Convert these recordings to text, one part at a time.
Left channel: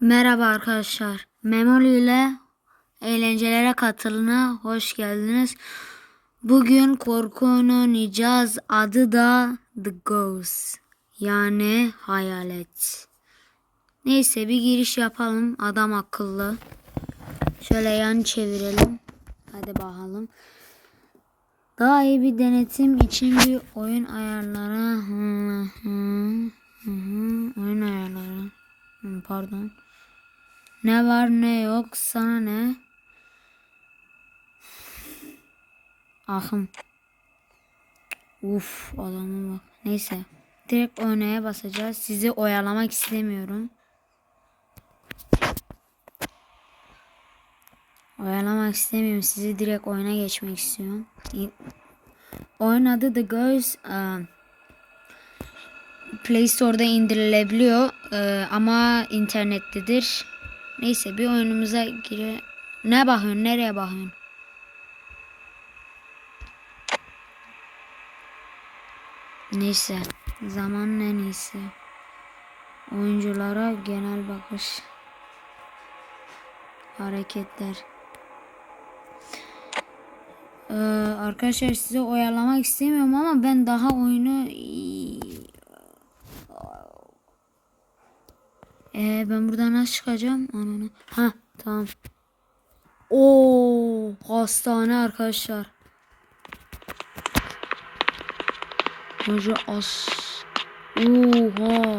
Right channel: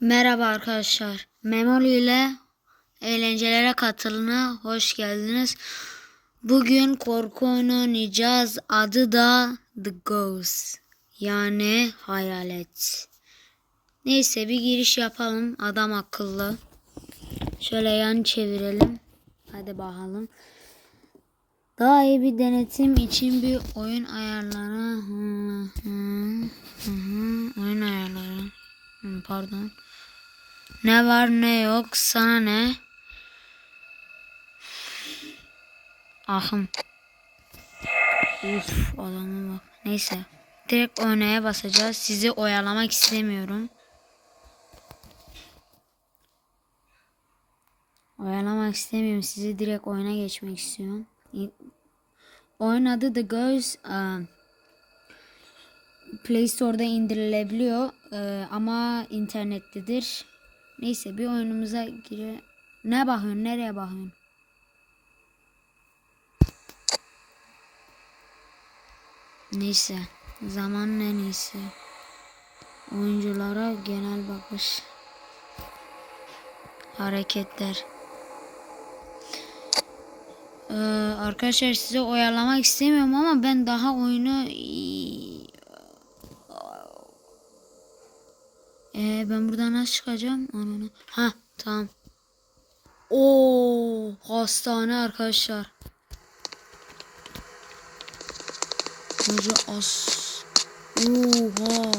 Merhaba arkadaşlar. Memoli ile eğlencelere katılına hoş geldiniz. Bugün korku oynayacağız. Adı da The Ghost. Yani hayalet. Neyse bir giriş yapalım. Adam akıllı. Şöyle yan çevirelim. Hadi bakalım. Daha iyi bir denetim için bir oyun ayarları. Hı hı, hı hı, oyun ayarları. Hı, Pardon. Ne var ne yok sana ne? Ahım. Uf adama bak. Neyse. Direkt oynaya basacağız. Sizi oyalamak istemiyorum. Oyalamak istemiyorum. Sizi direkt oyuna geçmek istiyorum. Oyun adı The Ghost. um, Play Store'da indirilebiliyor Ee, ama internettedir. Neyse bir oyunumuza gire. Ne bakıyorsun? Nereye bakıyorsun? Neyse. Zamanın en iyisi. Oyunculara genel bakış. Hareketler. Ee, arkadaşlar size oyalamak istemiyorum ama ben daha oyunu ee, ben buradan nasıl çıkacağım? Ananı. Ha tamam. Oo hastane arkadaşlar. Hoca as. Oha.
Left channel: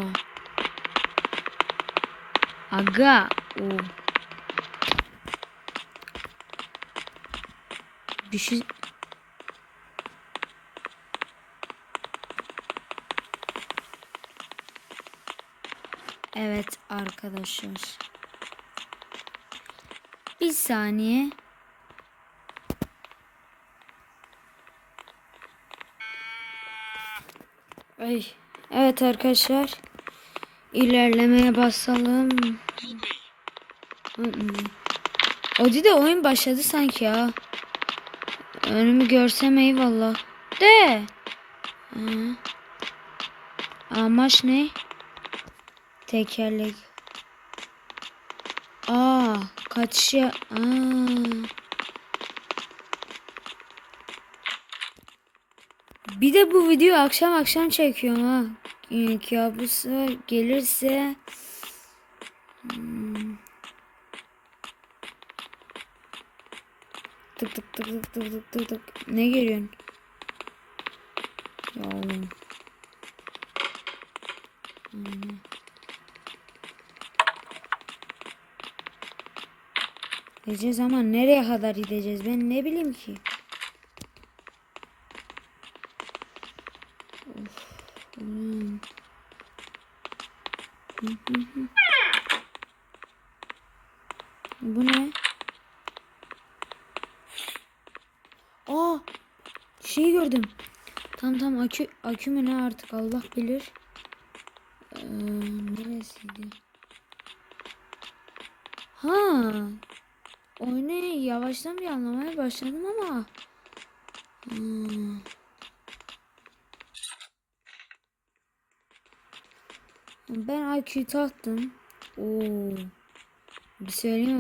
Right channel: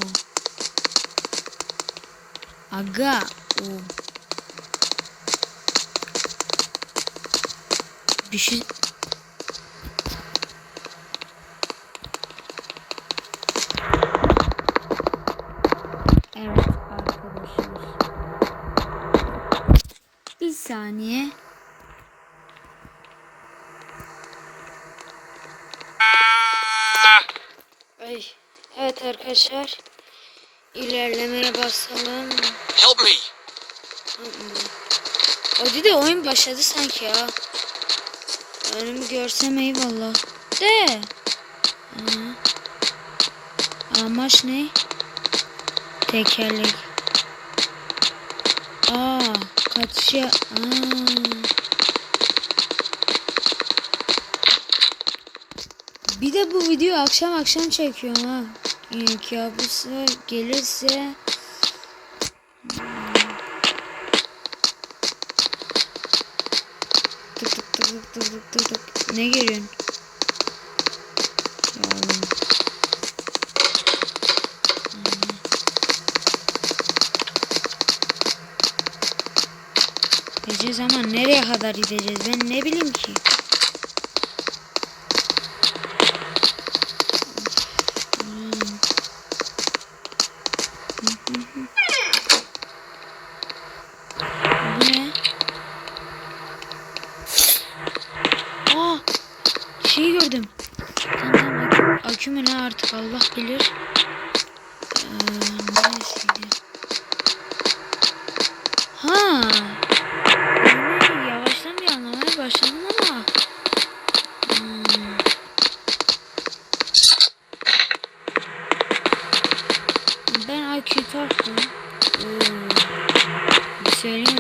Aga. Oo. Bir şey Evet arkadaşlar. Bir saniye. Ay. Evet arkadaşlar. İlerlemeye basalım. Help me! O de oyun başladı sanki ya. Önümü görsem eyvallah. De. Hı. Amaç ne? Tekerlek. Aa, Kaç ya? Bir de bu video akşam akşam çekiyorum ha. Ee, yani kabusu gelirse hmm. tık tık tık tık tık tık tık ne geliyorsun? Ya Gideceğiz ama nereye kadar gideceğiz ben ne bileyim ki. Bu ne? Aa! Şey gördüm. Tamam tamam akü, ne artık Allah bilir. Ee, neresiydi? Ha. Başladım ama. Hmm. Ben IQ taktım. Oo. Bir söyleyeyim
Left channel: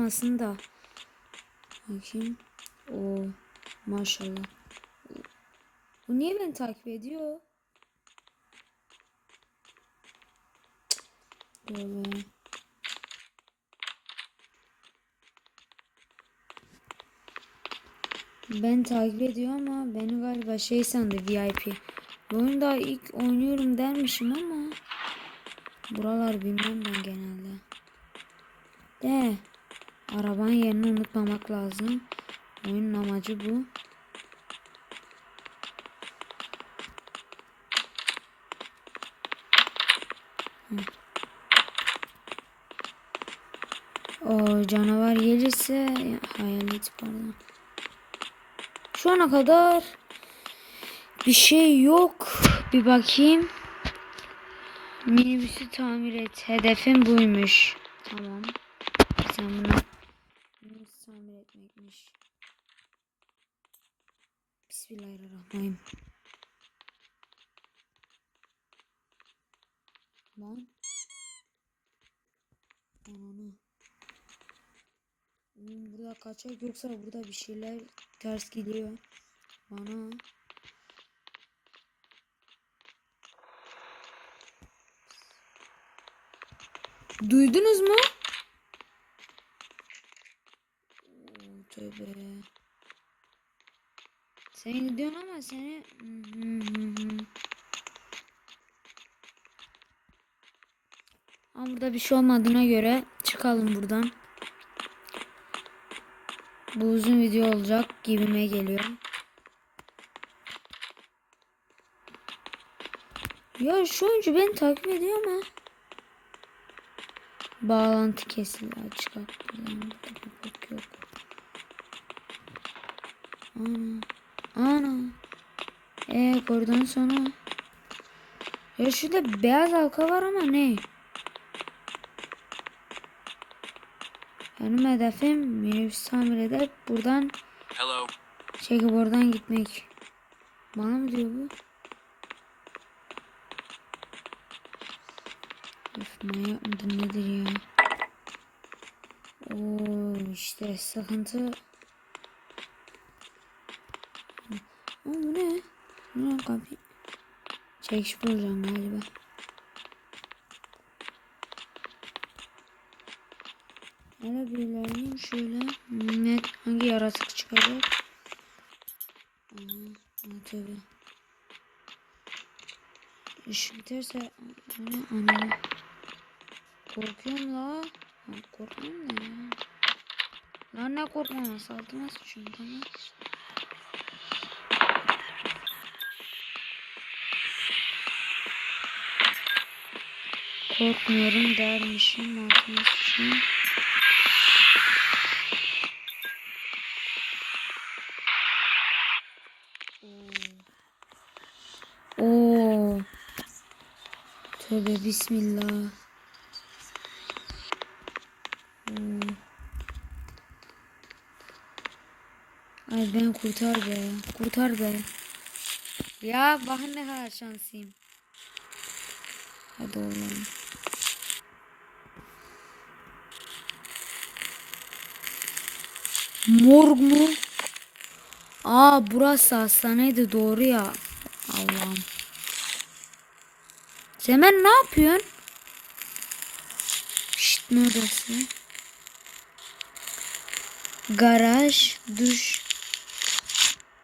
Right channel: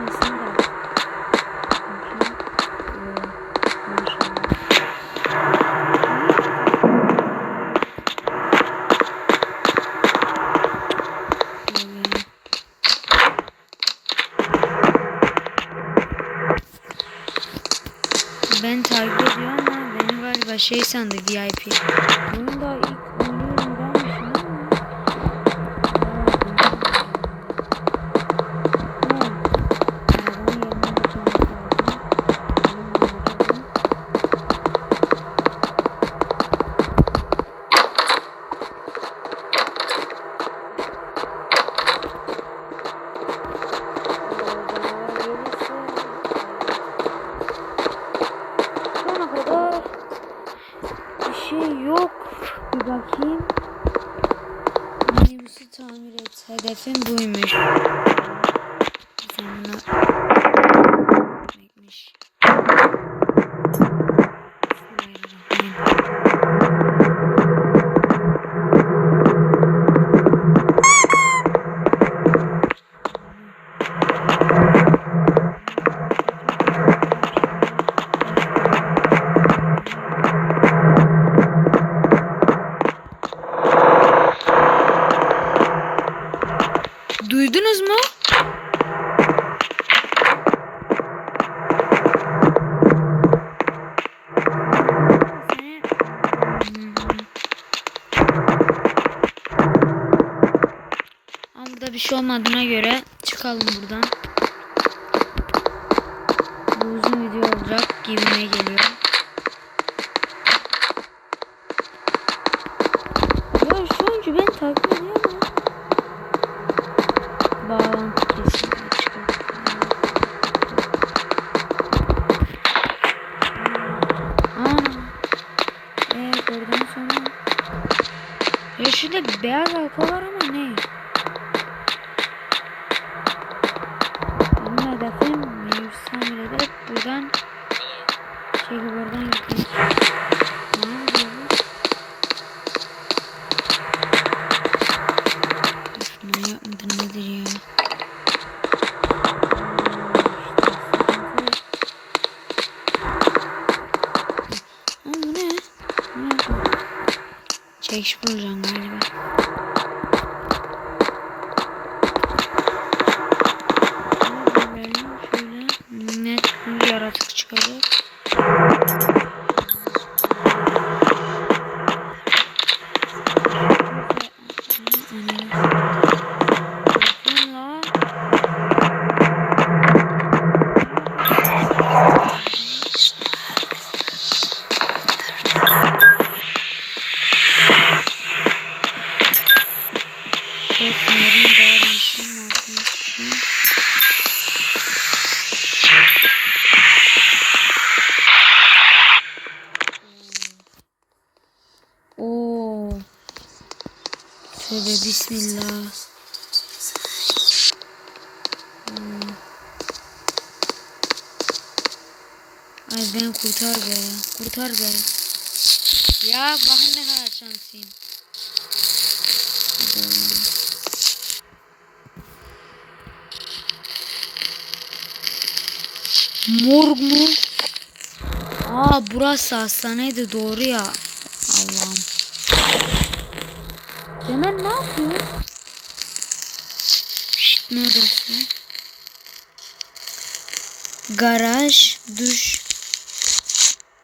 çıkmasın da. Bakayım. Oo, maşallah. Ben takip ediyor ama beni galiba şey sandı VIP. Bunu da ilk oynuyorum dermişim ama. O canavar gelirse falan. Şu ana kadar bir şey yok. Bir bakayım. Minibüsü tamir et. Hedefim buymuş. Duydunuz mu? Burada bir şey olmadığına göre çıkalım buradan. Bu uzun video olacak gibime geliyor. Ya şu oyuncu beni takip ediyor. Bağlantı kesildi. Aa. Ee, gördüğün sonra. Ya şurada beyaz halka var ama ne? Benim hedefim mevzu tamir ederek buradan Hello. çekip oradan gitmek. Ne yapıyoruz? Manyak mıdır nedir ya? Ha, bu ne? Ne bu? Çekiş bulacağım galiba. Tövbe bismillah. Hmm. Ay beni kurtar be. Kurtar be. Ya bakın ne kadar şanslıyım. Hadi oğlum. Morg mu? Aa burası hastaneydi doğru ya. Allah'ım. Zemen ne yapıyorsun? Şşt ne odası? Garaj, duş.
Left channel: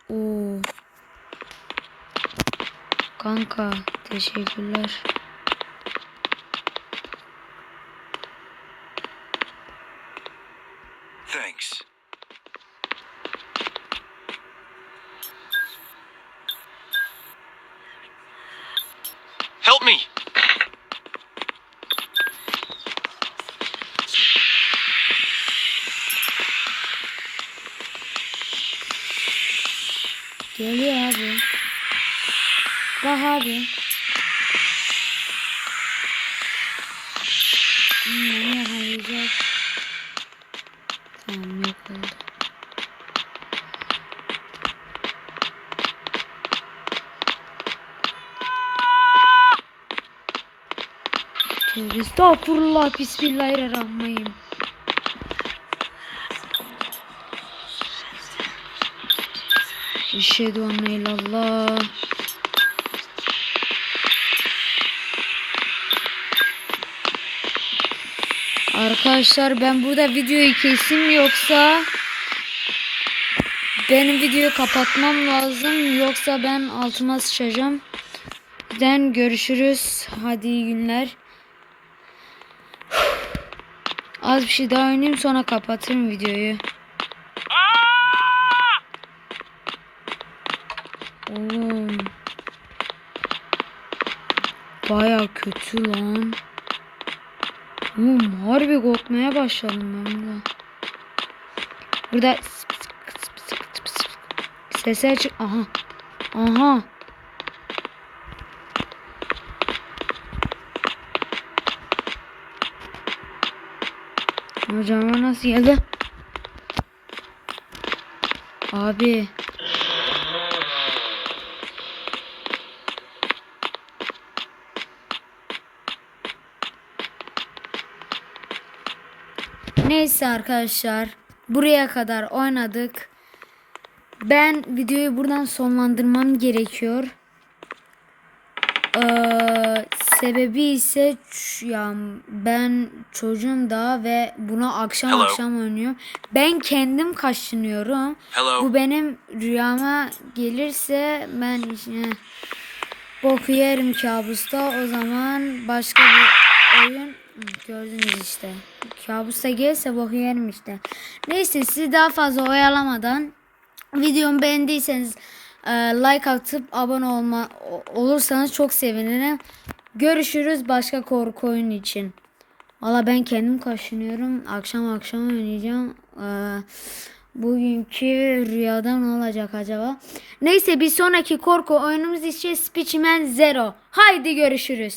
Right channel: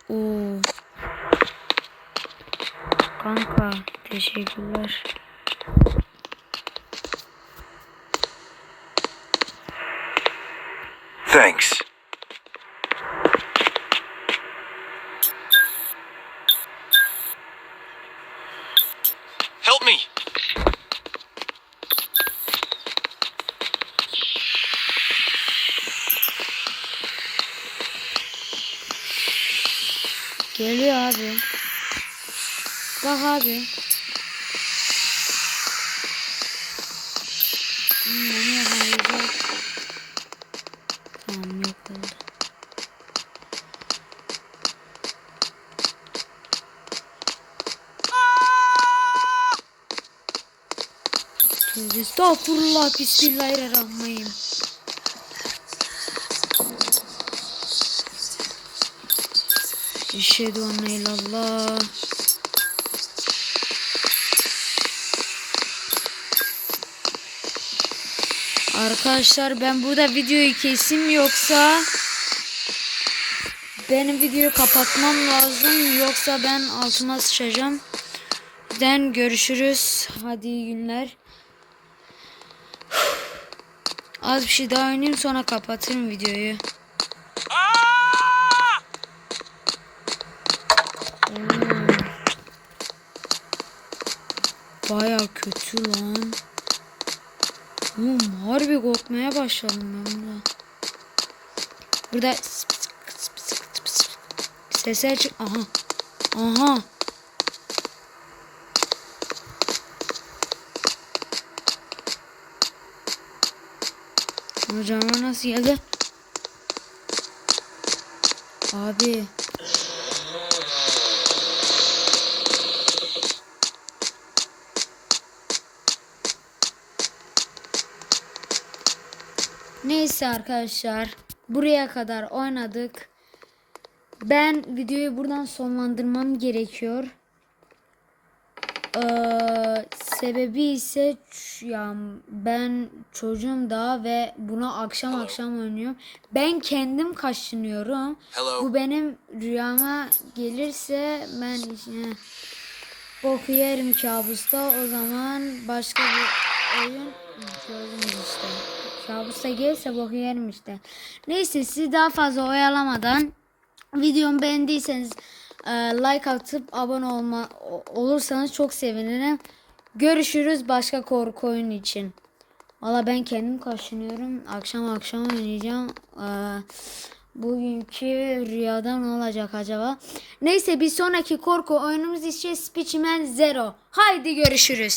Oo. Kanka teşekkürler. Thanks. Help me. Geliyor abi. Bak abi. Hmm, beni yakalayacak. Tamam yok oldu. Tövbe Estağfurullah Bismillahirrahmanirrahim. Eşhedü en la illallah. Arkadaşlar ben burada videoyu kesim yoksa benim videoyu kapatmam lazım yoksa ben altıma sıçacağım. Den görüşürüz. Hadi iyi günler. Az bir şey daha oynayayım sonra kapatırım videoyu. Oo. Baya kötü lan. Oğlum harbi korkmaya başladım ben burada. Burada sesler çık. Aha. Aha. Hocam nasıl geldi? Abi. Neyse arkadaşlar. Buraya kadar oynadık. Ben videoyu buradan sonlandırmam gerekiyor. Ee, sebebi ise ya ben çocuğum daha ve bunu akşam Hello. akşam oynuyor. Ben kendim kaşınıyorum. Hello. Bu benim rüyama gelirse ben işte boku yerim kabusta. O zaman başka bir oyun gördünüz işte. Kabusta gelirse boku yerim işte. Neyse sizi daha fazla oyalamadan videomu beğendiyseniz e, like atıp abone olma olursanız çok sevinirim. Görüşürüz başka korku oyunu için. Valla ben kendim kaşınıyorum. Akşam akşam oynayacağım. Ee, bugünkü rüyada ne olacak acaba? Neyse bir sonraki korku oyunumuz için Speechman Zero. Haydi görüşürüz.